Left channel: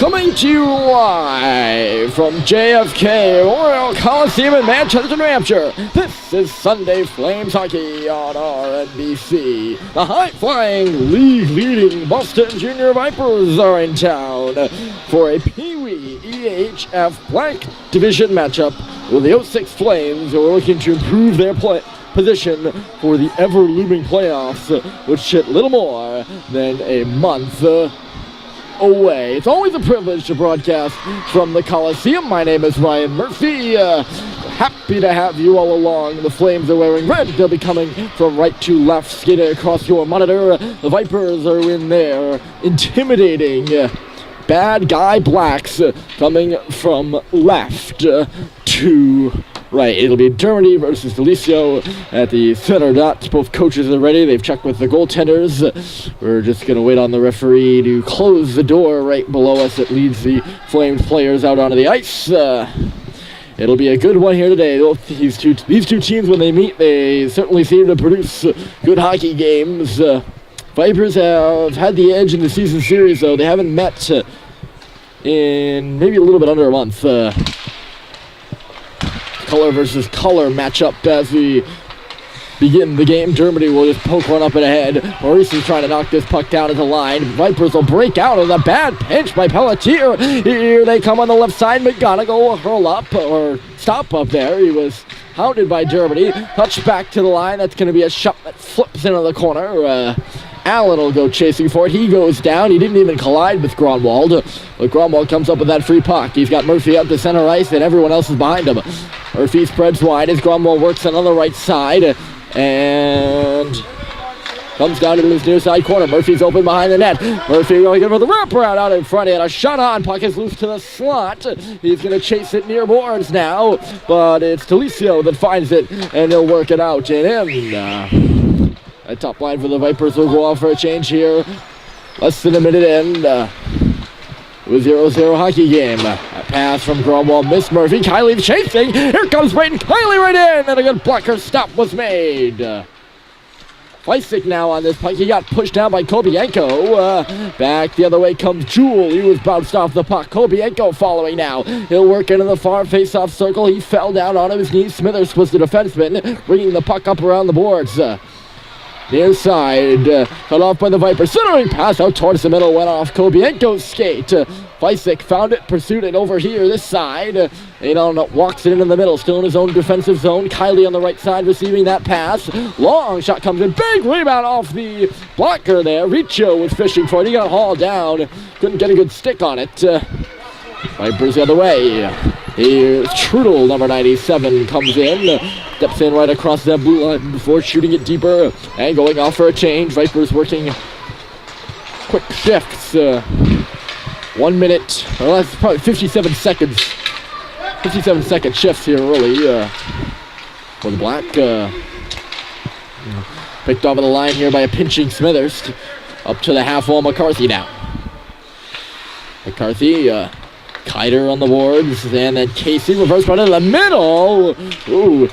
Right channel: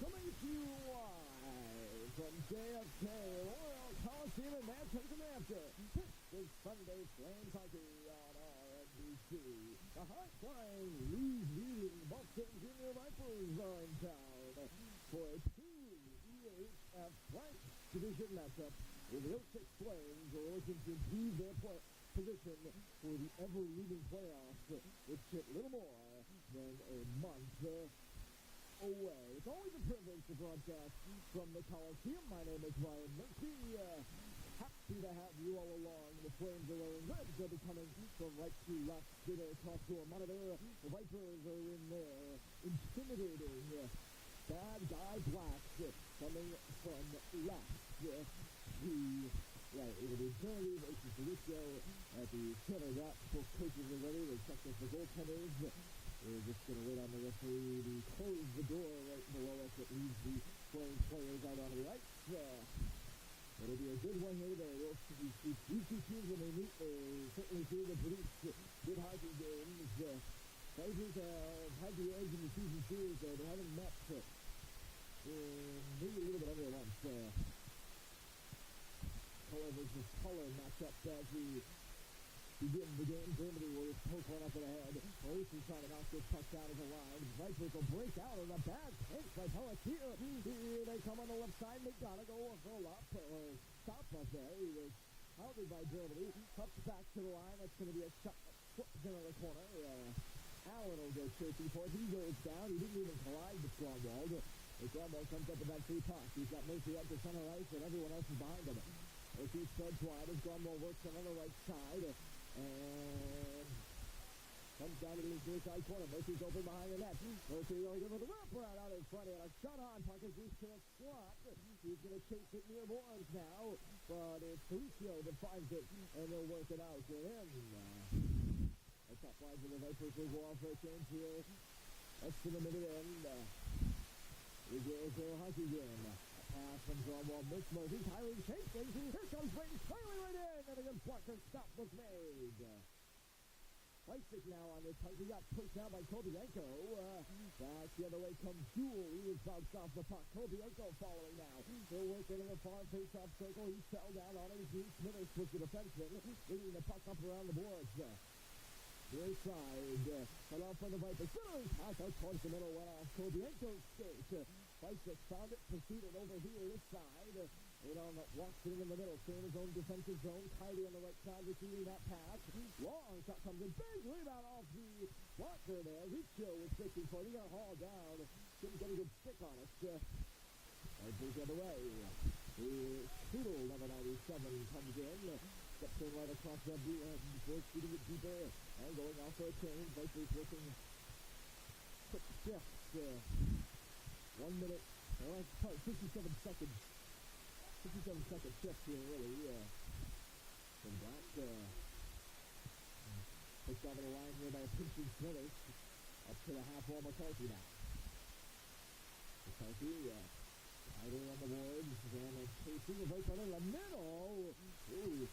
Coming to you live from JFK Royal Coliseum in Manchester, New Hampshire. This is Sunday Flames Hockey on RMBC. The high-flying, league-leading Boston Junior Vipers are in town for a Pee Wee EHF Black Division matchup with the 06 Flames, who are looking to improve their position for the ever-looming playoffs, which hit little more than a month away. It's always a privilege to broadcast from the Coliseum. My name is Ryan Murphy. Happy to have you all along. The Flames are wearing red. They'll be coming from right to left, skating across your monitor. The Vipers are in there, intimidating bad guy blacks, coming from left to right. It'll be Germany versus Coliseum at the center dot. Both coaches are ready. They've checked with the goaltenders. We're just going to wait on the referee to close the door right below us that leads the Flames players out onto the ice. It'll be a good one here today. These two teams, when they meet, they certainly seem to produce good hockey games. Vipers have had the edge in the season series, though. They haven't met in maybe a little bit under a month. Color versus color matchup as we begin the game. Germany will just poke one up and ahead. Maurice is trying to knock this puck down at the line. Vipers will break out of the bad pinch by Pelletier. Here they come on the left side. McGonigal will hurl up, or stop up there. He was hounded by Germany. Touch back to the line. That's going to be a shot that flips into the corner. Allen will go chasing for it. He goes down. He didn't even collide with Gronwald. But Gronwald comes up with that free puck. He's got Murphy up to center ice, and everyone else is behind him. Murphy spreads wide as Gronwald works on the right side and comes down to his near side corner. Murphy's open behind the net. Murphy going for the wraparound out in front. He had a shot on. Puck is loose to the slot. He's going to chase it near boards now, but it's Talicio that finds it, and he'll work it out and in. A top line for the Vipers will go off for a change here. Less than a minute in. With 0-0 hockey game. A pass from Gromwald, missed Murphy. Kiley chasing. Here comes Brayden Kiley right in, and a good blocker stop was made. Feistic now on this puck. He got pushed down by Kobienko. Back the other way comes Jewell. He was bounced off the puck. Kobienko following now. He'll work into the far face-off circle. He fell down onto his knees. Smithers was the defenseman, bringing the puck up around the boards. The inside, cut off by the Vipers. Centering pass out towards the middle, went off Kobienko's skate. Feistic found it, pursued it over here, this side. Adon walks it into the middle, still in his own defensive zone. Kiley on the right side receiving that pass. Long shot comes in, big rebound off the blocker there. Riccio was fishing for it, he got hauled down. Couldn't get a good stick on it. Vipers the other way. Here's Trudel, number 97, comes in. Steps in right across that blue line before shooting it deeper and going off for a change. Vipers working quick shifts. 1 minute, or that's probably 57 seconds. 57-second shifts here early for the Black. Picked off of the line here by a pinching Smithers. Up to the half wall, McCarthy now. McCarthy, Kiter on the boards, and then Casey reverse run in the middle. Ooh,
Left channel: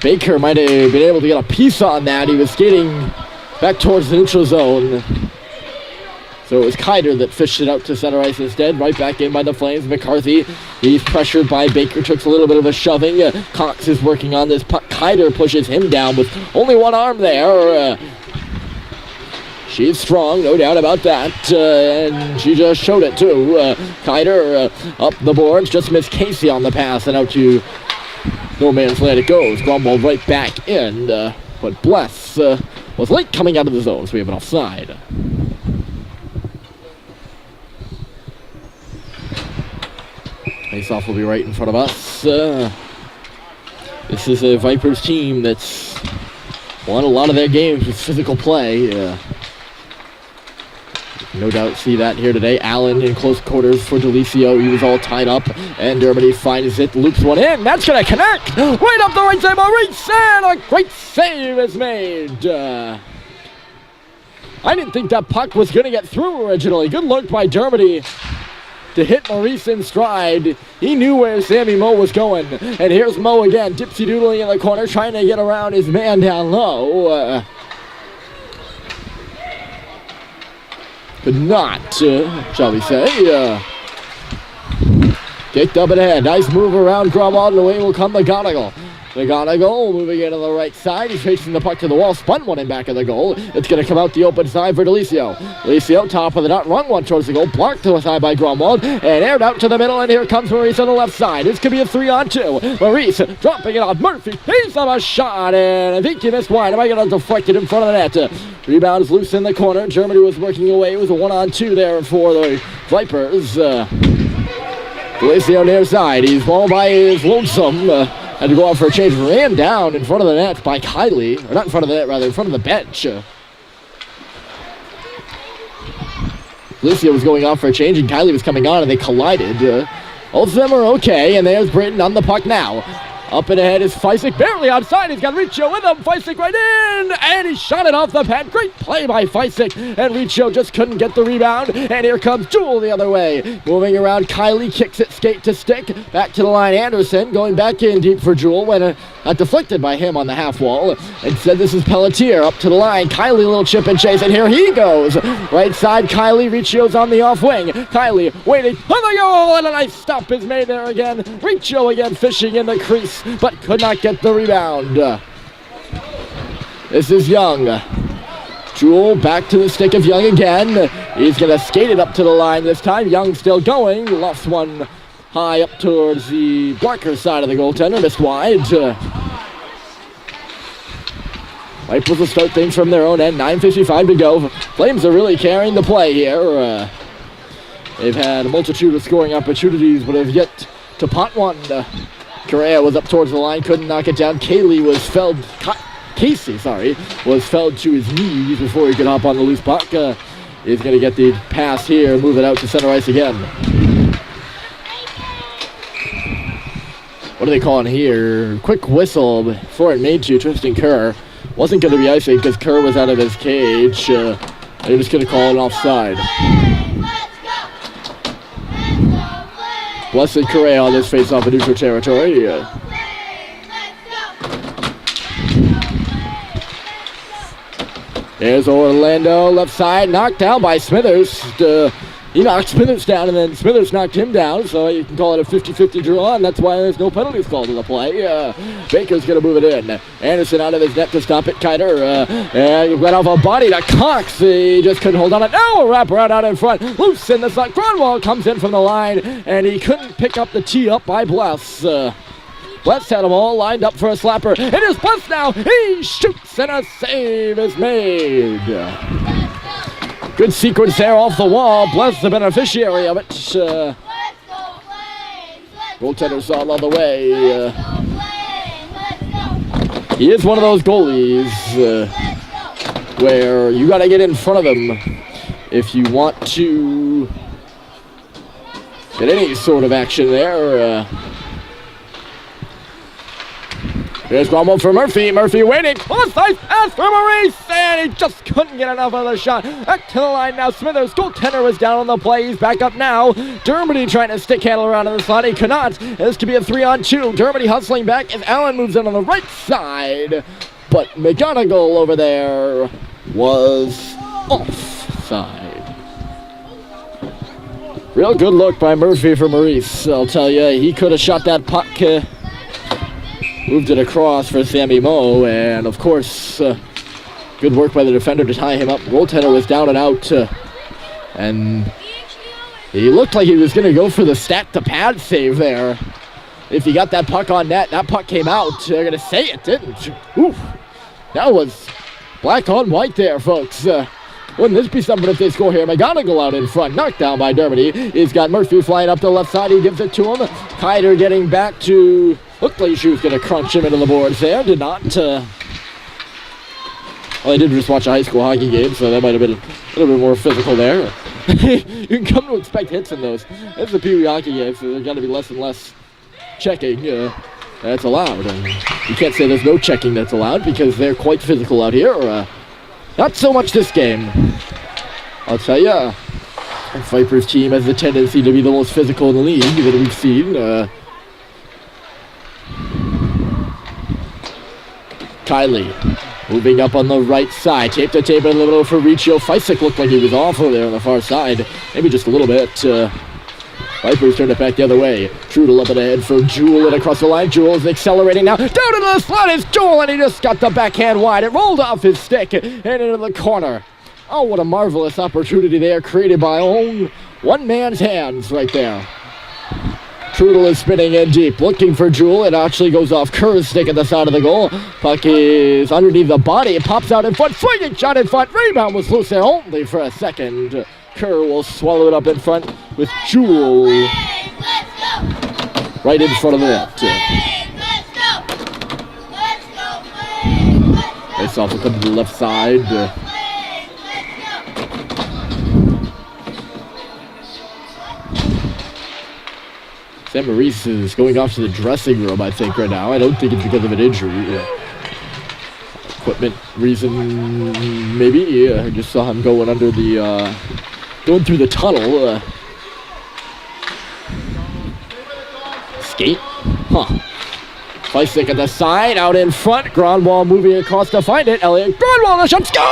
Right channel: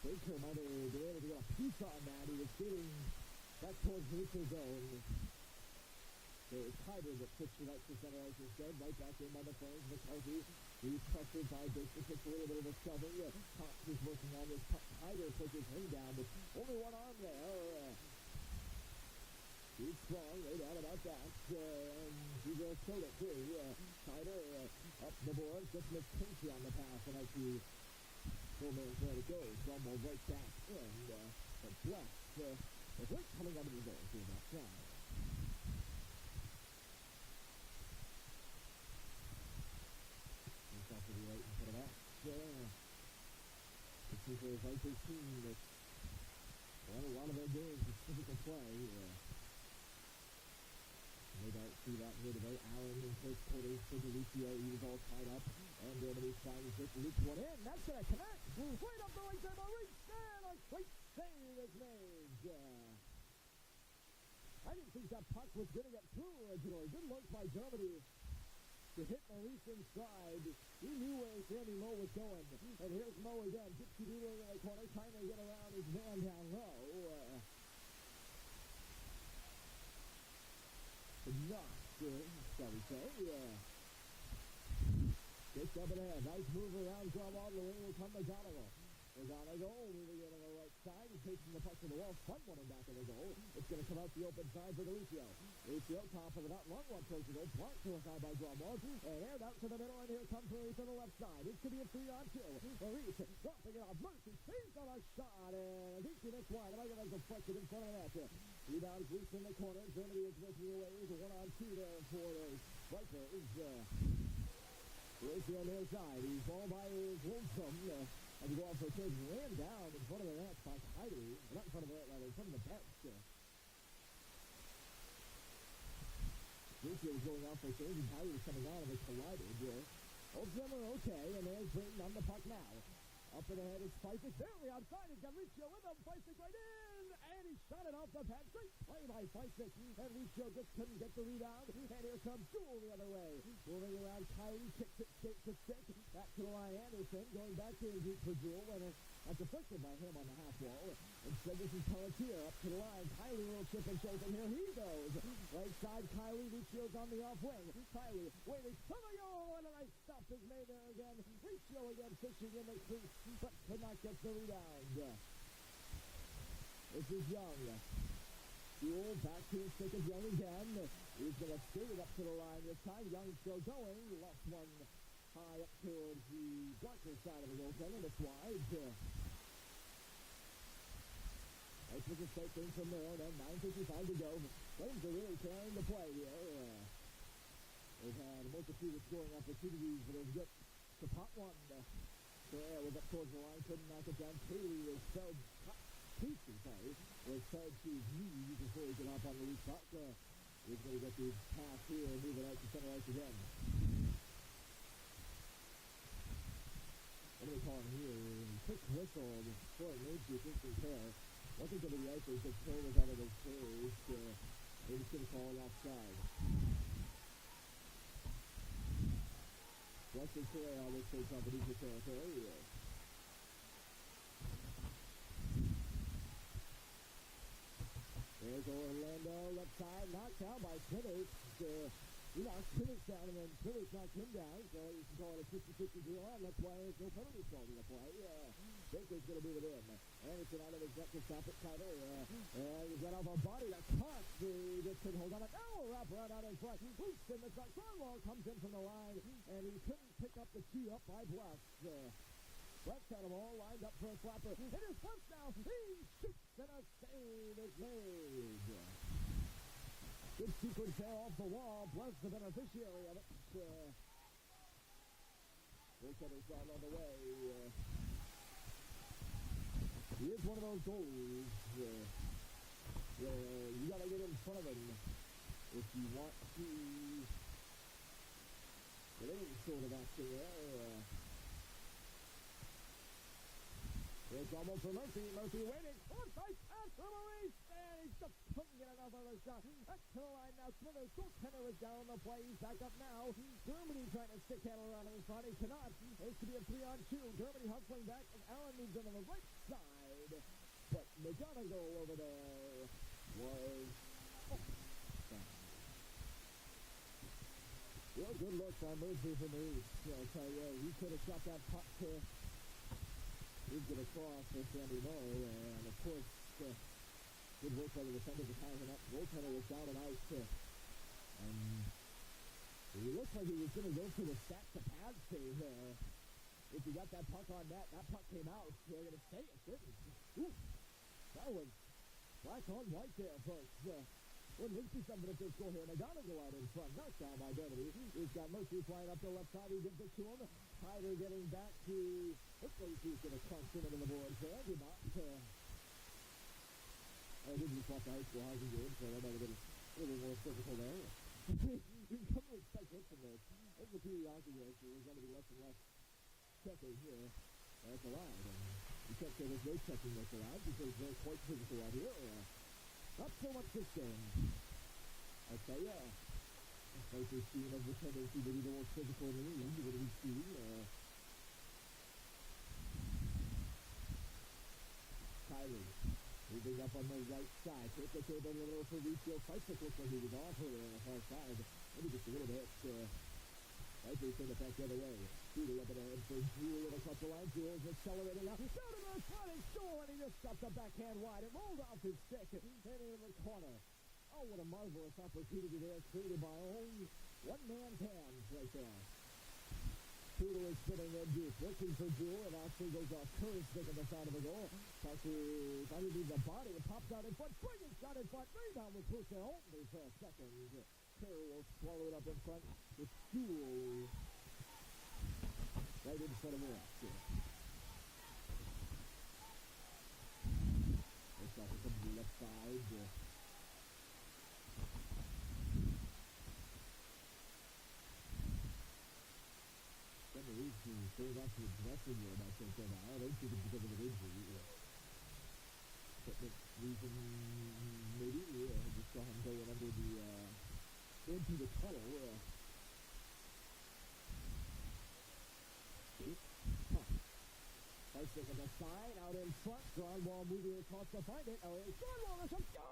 Baker might have been able to get a piece on that. He was skating back towards the neutral zone. So it was Kiter that fished it out to center ice instead. Right back in by the Flames. McCarthy, he's pressured by Baker, took a little bit of a shoving. Cox is working on this puck. Kiter pushes him down with only one arm there. She's strong, no doubt about that, and she just showed it too. Kiter up the boards, just missed Casey on the pass, and out to no man's land it goes. Gromwald right back in, but Bless was late coming out of the zone, so we have an offside. Face-off will be right in front of us. This is a Vipers team that's won a lot of their games with physical play. No doubt see that here today. Allen in close quarters for Delicio. He was all tied up, and Dermody finds it, loops one in. That's going to connect right up the right side. Maurice, and a great save is made. I didn't think that puck was going to get through originally. Good look by Dermody to hit Maurice in stride. He knew where Sammy Moe was going. And here's Moe again, dipsy-doodling in the corner, trying to get around his man down low. Could not, shall we say, Kicked up and ahead. Nice move around Gromwald, and away will come McGonigal. McGonigal moving into the right side. He's facing the puck to the wall. Spun one in back of the goal. It's going to come out the open side for Delisio. Delisio, top of the dot, run one towards the goal. Blocked to the side by Gromwald. And aired out to the middle. And here comes Maurice on the left side. This could be a 3-on-2. Maurice dropping it on Murphy. He's on a shot. And I think he missed wide. Am I going to deflect it in front of the net? Rebound is loose in the corner. Germany was working away. It was a 1-on-2 there for the Vipers. Delisio near side. He's all by his lonesome. Had to go out for a change. Ran down in front of the net by Kylie. Or not in front of the net, rather, in front of the bench. Delisio was going off for a change, and Kylie was coming on, and they collided. Both of them are okay, and there's Britton on the puck now. Up and ahead is Feisik, barely outside. He's got Riccio with him. Feisik right in, and he shot it off the pad. Great play by Feisik, and Riccio just couldn't get the rebound. And here comes Jewel the other way. Moving around, Kylie kicks it skate to stick. Back to the line, Anderson going back in deep for Jewel when deflected by him on the half wall. Instead, this is Pelletier up to the line. Kylie, little chip and chase, and here he goes. Right side, Kylie. Riccio's on the off wing. Kylie waiting for the goal, and a nice stop is made there again. Riccio again fishing in the crease, but could not get the rebound. This is Young. Jewel back to the stick of Young again. He's going to skate it up to the line this time. Young still going. Lost one high up towards the blocker side of the goaltender. Missed wide. Vipers will start things from their own end. 9:55 to go. Flames are really carrying the play here. They've had a multitude of scoring opportunities, but have yet to pot one. Correa was up towards the line, couldn't knock it down. Casey was felled to his knees before he could hop on the loose puck. He's going to get the pass here, move it out to center ice again. What are they calling here? Quick whistle before it made to Tristan Kerr. Wasn't going to be icing because Kerr was out of his cage. They're just going to call it offside. Blessed Correa on this face-off in neutral territory. There's Orlando, left side, knocked down by Smithers. He knocked Smithers down, and then Smithers knocked him down, so you can call it a 50-50 draw, and that's why there's no penalties called in the play. Baker's going to move it in. Anderson out of his net to stop it. Kiter went off a body to Cox. He just couldn't hold on it. Now a wraparound out in front. Loose in the slot. Grunwald comes in from the line, and he couldn't pick up the tee up by Bless. Bless had them all lined up for a slapper. It is Bless now. He shoots, and a save is made. Good sequence there off the wall. Bless the beneficiary of it. Goaltender's all on the way. He is one of those goalies where you got to get in front of him if you want to get any sort of action there. Here's Gromwald for Murphy. Murphy waiting. Oh, nice pass for Maurice, and he just couldn't get enough of the shot. Back to the line now. Smithers, goaltender, was down on the play. He's back up now. Dermody trying to stick handle around in the slot. He cannot. This could be a 3-on-2. Dermody hustling back as Allen moves in on the right side. But McGonigal over there was offside. Real good look by Murphy for Maurice, I'll tell you. He could have shot that puck. Moved it across for Sammy Moe, and of course, good work by the defender to tie him up. Goaltender was down and out, and he looked like he was going to go for the stat-to-pad save there. If he got that puck on net, that puck came out. They're going to say it didn't. Oof. That was black on white there, folks. Wouldn't this be something if they score here? McGonigal out in front, knocked down by Dermody. He's got Murphy flying up the left side. He gives it to him. Kiter getting back to... Looked like she was going to crunch him into the boards there. Did not. Well, I did just watch a high school hockey game, so that might have been a little bit more physical there. You can come to expect hits in those. It's a Pee Wee hockey game, so there's got to be less and less checking that's allowed. And you can't say there's no checking that's allowed because they're quite physical out here. Not so much this game. I'll tell you, the Vipers team has a tendency to be the most physical in the league that we've seen. Kylie moving up on the right side. Tape to tape in the middle for Riccio. Feisik looked like he was off over there on the far side. Maybe just a little bit. Vipers turned it back the other way. Trudel up and ahead for Jewel and across the line. Jewel's accelerating now. Down into the slot is Jewel, and he just got the backhand wide. It rolled off his stick and into the corner. Oh, what a marvelous opportunity there created by one man's hands right there. Trudel is spinning in deep, looking for Jewel. It actually goes off Kerr's stick at the side of the goal. Puck is underneath the body. It pops out in front. Swinging shot in front. Rebound was loose there only for a second. Kerr will swallow it up in front with Jewel right in front of the net. Face off to the left side. Sam Maurice is going off to the dressing room, I think, right now. I don't think it's because of an injury. Equipment reason, maybe. I just saw him going under the, going through the tunnel. Skate? Huh. Fleisick at the side, out in front. Grandwall moving across to find it. Elliot Grandwall, the shot scores!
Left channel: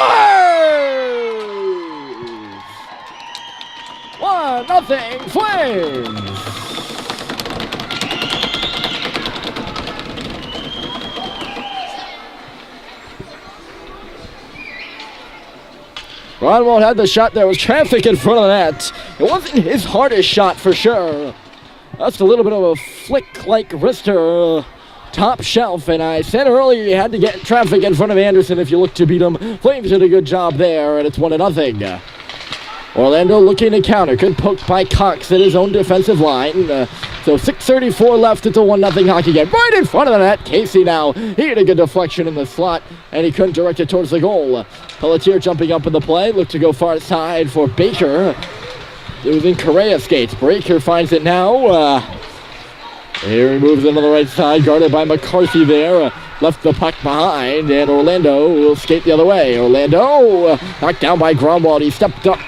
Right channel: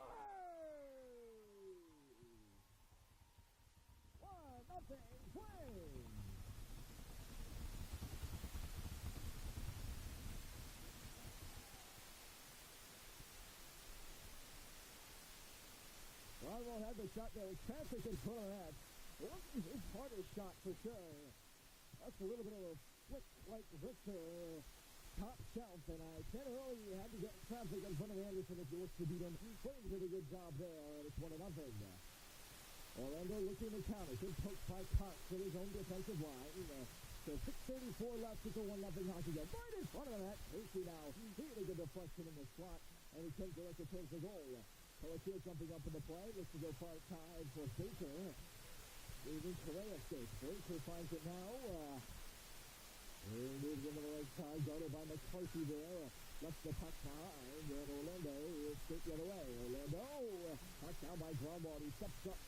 1-0 Flames! Grandwall had the shot. There was traffic in front of the net. It wasn't his hardest shot for sure. That's a little bit of a flick like wrister, top shelf. And I said earlier you had to get traffic in front of Anderson if you look to beat him. Flames did a good job there, and it's 1-0. Orlando looking to counter. Good poke by Cox at his own defensive line. So 6:34 left. It's a 1-0 hockey game. Right in front of the net. Casey now. He had a good deflection in the slot, and he couldn't direct it towards the goal. Pelletier jumping up in the play. Looked to go far side for Baker. It was in Correa skates. Baker finds it now. Here he moves into the right side. Guarded by McCarthy there. Left the puck behind, and Orlando will skate the other way. Orlando knocked down by Gromwald. He stepped up.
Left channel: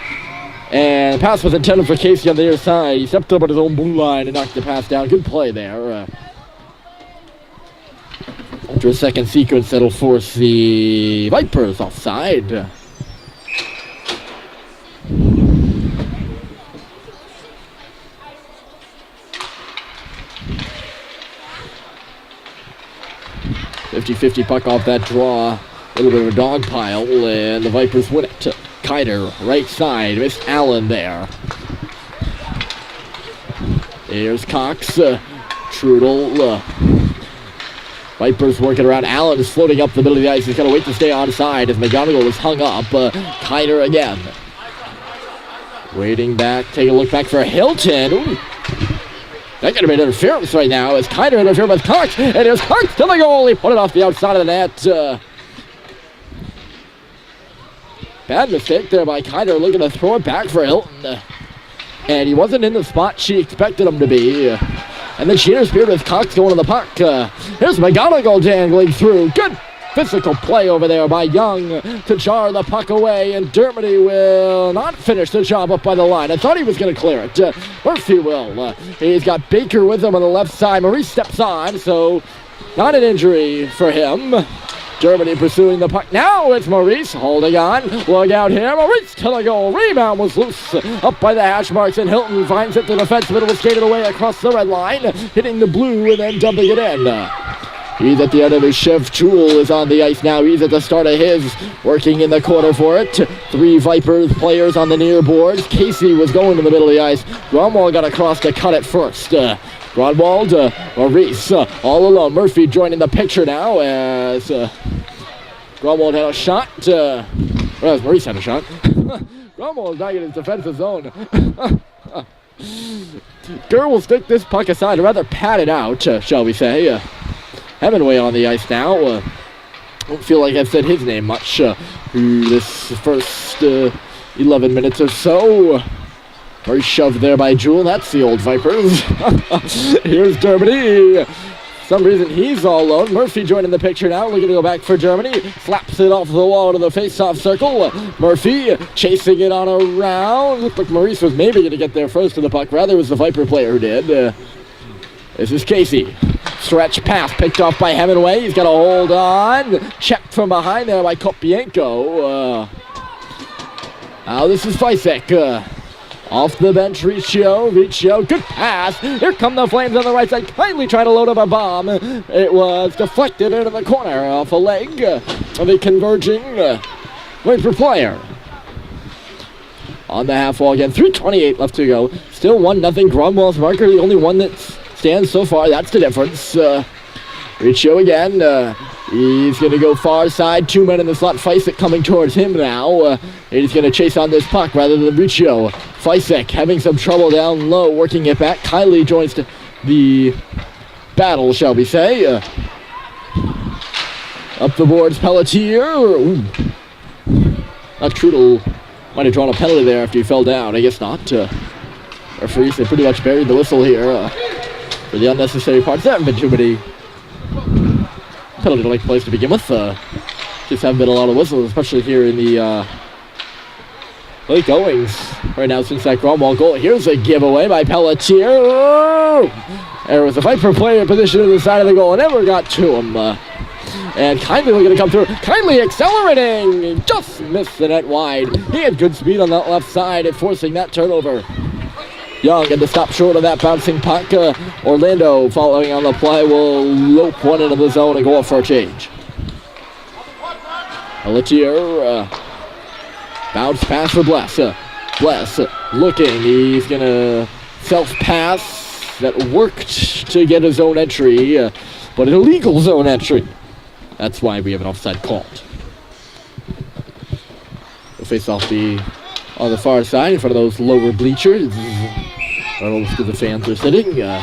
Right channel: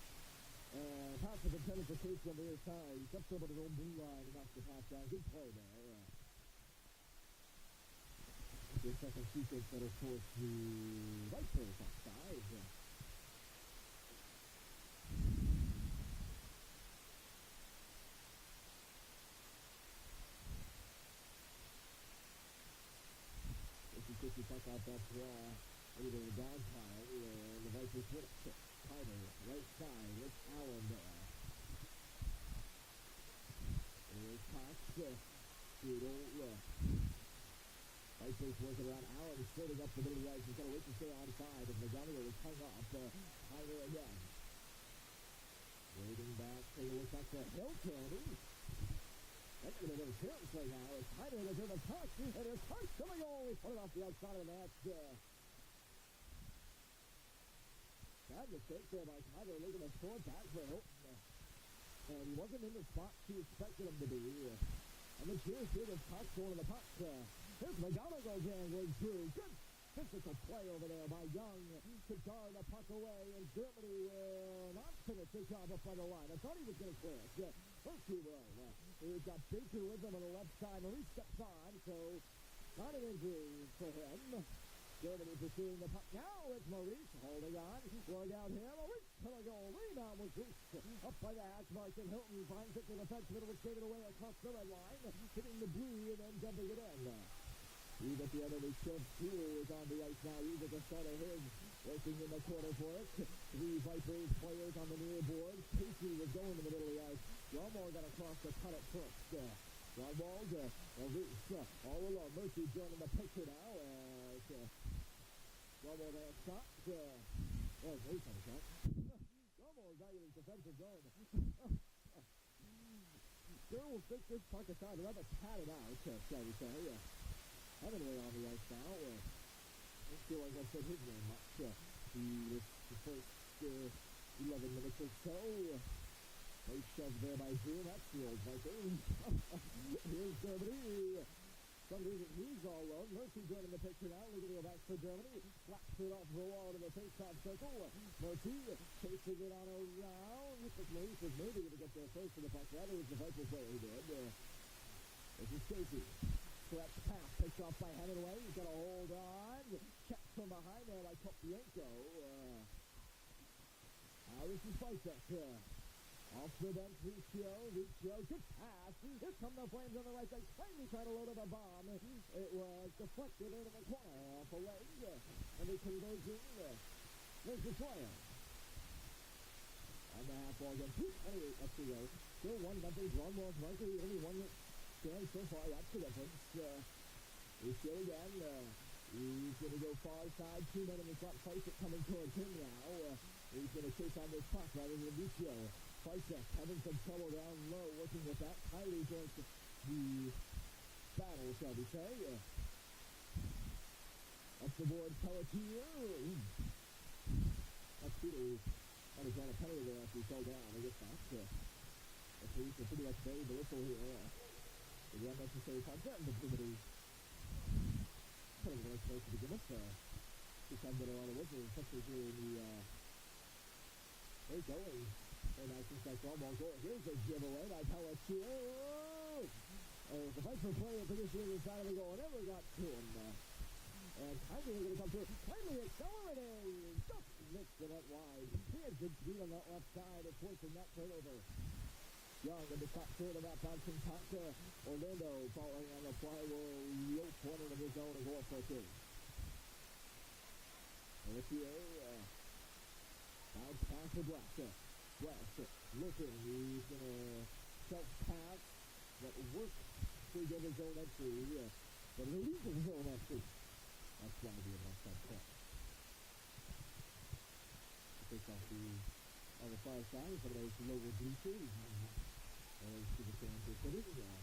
And the pass was intended for Casey on the near side. He stepped up at his own blue line and knocked the pass down. Good play there. After a second sequence, that'll force the Vipers offside. .50 puck off that draw. A little bit of a dog pile, and the Vipers win it. Kiter, right side, missed Allen there. There's Cox, Trudel. Vipers working around. Allen is floating up the middle of the ice. He's got to wait to stay onside as McGonigal is hung up. Kiter again. Waiting back, taking a look back for Hilton. Ooh. That could have been interference right now as Kiter interfered with Cox. And there's Cox to the goal. He put it off the outside of the net. Bad mistake there by Kiter, looking to throw it back for Hilton. And he wasn't in the spot she expected him to be. And then she interfered with Cox going to the puck. Here's McGonigal dangling through. Good physical play over there by Young to jar the puck away. And Dermody will not finish the job up by the line. I thought he was going to clear it. Murphy will. He's got Baker with him on the left side. Maurice steps on, so not an injury for him. Germany pursuing the puck. Now it's Maurice holding on. Look out here. Maurice to the goal. Rebound was loose. Up by the hash marks, and Hilton finds it. The defenseman will skate it away across the red line, hitting the blue and then dumping it in. He's at the end of his shift. Jewel is on the ice now. He's at the start of his, working in the corner for it. 3 Vipers players on the near boards. Casey was going to the middle of the ice. Gromwald got across to cut it first. Gromwald, Maurice, all alone. Murphy joining the picture now as Gromwald had a shot. Maurice had a shot. Gromwald is not in his defensive zone. Gurr will stick this puck aside, or rather pat it out, shall we say. Hemingway on the ice now. Don't feel like I've said his name much through this first 11 minutes or so. Very shoved there by Jewel. That's the old Vipers. Here's Germany. For some reason he's all alone. Murphy joining the picture now, looking to go back for Germany. Slaps it off the wall to the face-off circle. Murphy chasing it on around. Looked like Maurice was maybe going to get there first to the puck. Rather, it was the Viper player who did. This is Casey. Stretch pass picked off by Hemingway. He's got to hold on. Checked from behind there by Kopienko. Now this is Fleisick. Off the bench, Riccio, good pass. Here come the Flames on the right side, kindly trying to load up a bomb. It was deflected into the corner off a leg of a converging Viper player. On the half wall again, 3:28 left to go. Still 1-0, Grunwald's marker, the only one that stands so far, that's the difference. Riccio again, he's going to go far side, 2 men in the slot, Feisek coming towards him now. And he's going to chase on this puck rather than Riccio. Feisek having some trouble down low, working it back. Kylie joins the battle, shall we say. Up the boards, Pelletier. Ooh. Trudel might have drawn a penalty there after he fell down. I guess not. Referees, they pretty much buried the whistle here for the unnecessary parts. There haven't been too many penalty to take place to begin with. Just haven't been a lot of whistles, especially here in the late goings right now since that Grunwald goal. Here's a giveaway by Pelletier. Oh! There was a Viper player in position to the side of the goal and never got to him. And Kindly looking to come through. Kindly accelerating. Just missed the net wide. He had good speed on that left side and forcing that turnover. Young and to stop short of that bouncing puck. Orlando following on the play will lope one into the zone and go off for a change. Pelletier, bounce pass for Bless. Bless looking. He's going to self-pass. That worked to get a zone entry, but an illegal zone entry. That's why we have an offside called. We'll face off on the far side in front of those lower bleachers. Most of the fans are sitting. A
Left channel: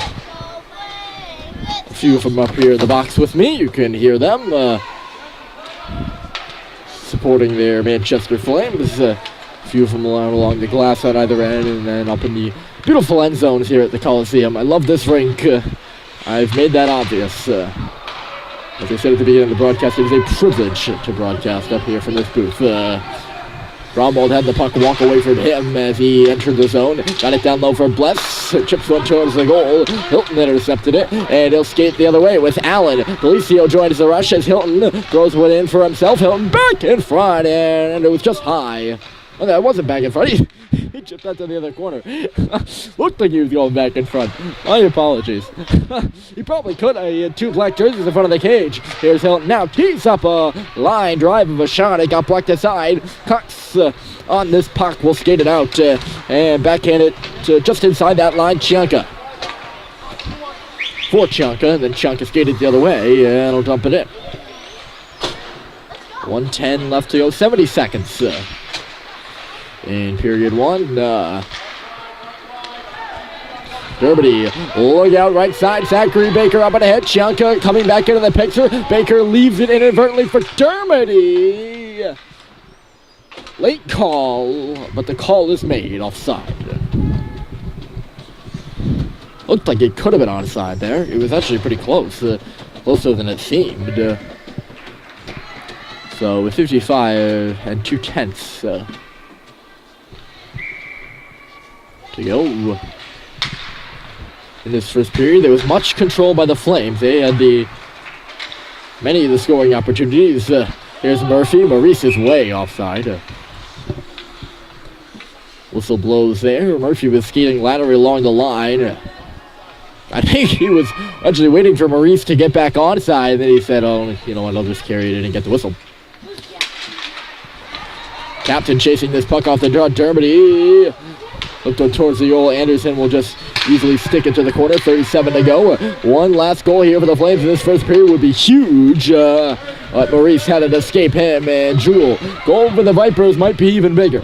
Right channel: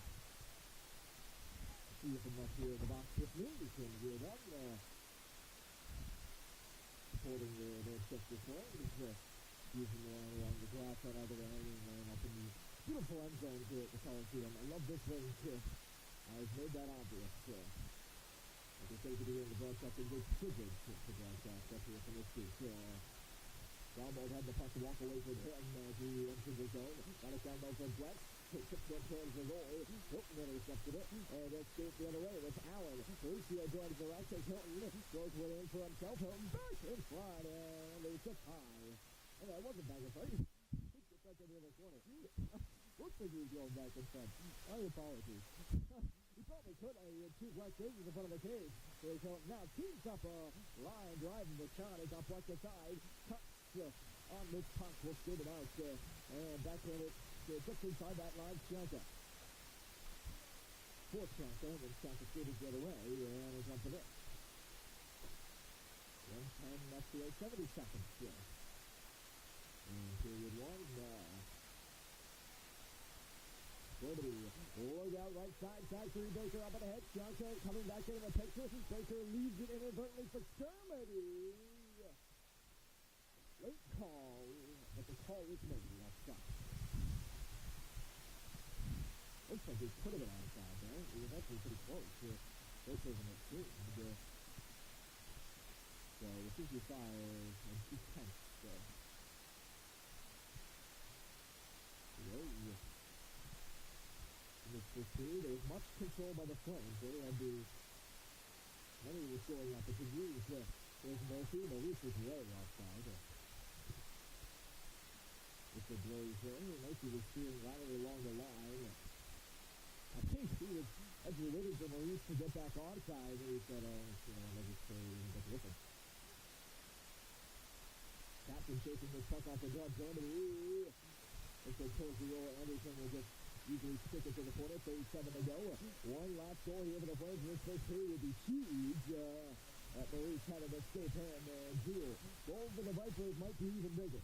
few of them up here in the box with me. You can hear them supporting their Manchester Flames. A few of them along the glass on either end, and then up in the beautiful end zones here at the Coliseum. I love this rink. I've made that obvious. As I said at the beginning of the broadcast, it is a privilege to broadcast up here from this booth. Grunwald had the puck walk away from him as he entered the zone. Got it down low for Bless. Chips one towards the goal. Hilton intercepted it, and he'll skate the other way with Allen. Delicio joins the rush as Hilton throws one in for himself. Hilton back in front, and it was just high. Oh, that wasn't back in front. He chipped that to the other corner. Looked like he was going back in front. My apologies. He probably could. He had two black jerseys in front of the cage. Here's Hilton now. Tees up a line drive of a shot. It got blocked aside. Cox on this puck will skate it out and backhand it to just inside that line. Chianca. For Chianca. And then Chianca skated the other way and he'll dump it in. 1:10 left to go. 70 seconds. In period one, Dermody, look out right side, Zachary Baker up and ahead, Chianca coming back into the picture, Baker leaves it inadvertently for Dermody. Late call, but the call is made offside. Looked like it could have been onside there, it was actually pretty close, closer than it seemed. So with 55 and 2/10 to go. In this first period, there was much control by the Flames. They had many of the scoring opportunities. Here's Murphy. Maurice is way offside. Whistle blows there. Murphy was skating laterally along the line. I think he was actually waiting for Maurice to get back onside, and then he said, oh, you know what, I'll just carry it in and get the whistle. Captain chasing this puck off the draw. Dermody looked towards the goal. Anderson will just easily stick it to the corner. 37 to go. One last goal here for the Flames in this first period would be huge. But Maurice had to escape him, and Jewell. Goal for the Vipers might be even bigger.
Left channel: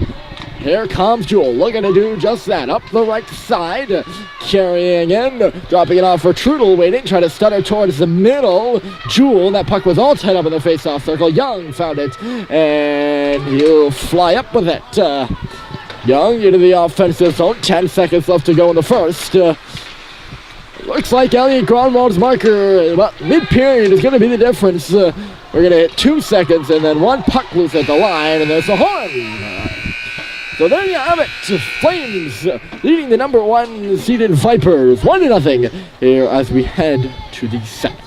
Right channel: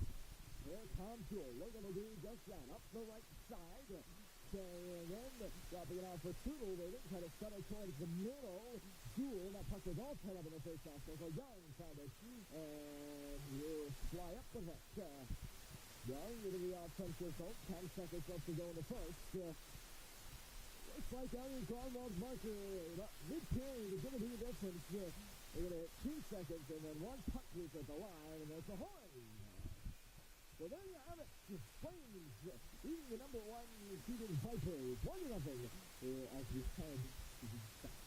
Here comes Jewell, looking to do just that. Up the right side, carrying in, dropping it off for Trudel, waiting, trying to stutter towards the middle. Jewell, that puck was all tied up in the face-off circle. Young found it, and he'll fly up with it. Young into the offensive zone. 10 seconds left to go in the first. Looks like Elliot Grunwald's marker about mid-period is going to be the difference. We're going to hit 2 seconds and then one puck loose at the line, and there's the horn. So there you have it. Flames leading the number 1 seeded Vipers 1-0 here as we head to the second.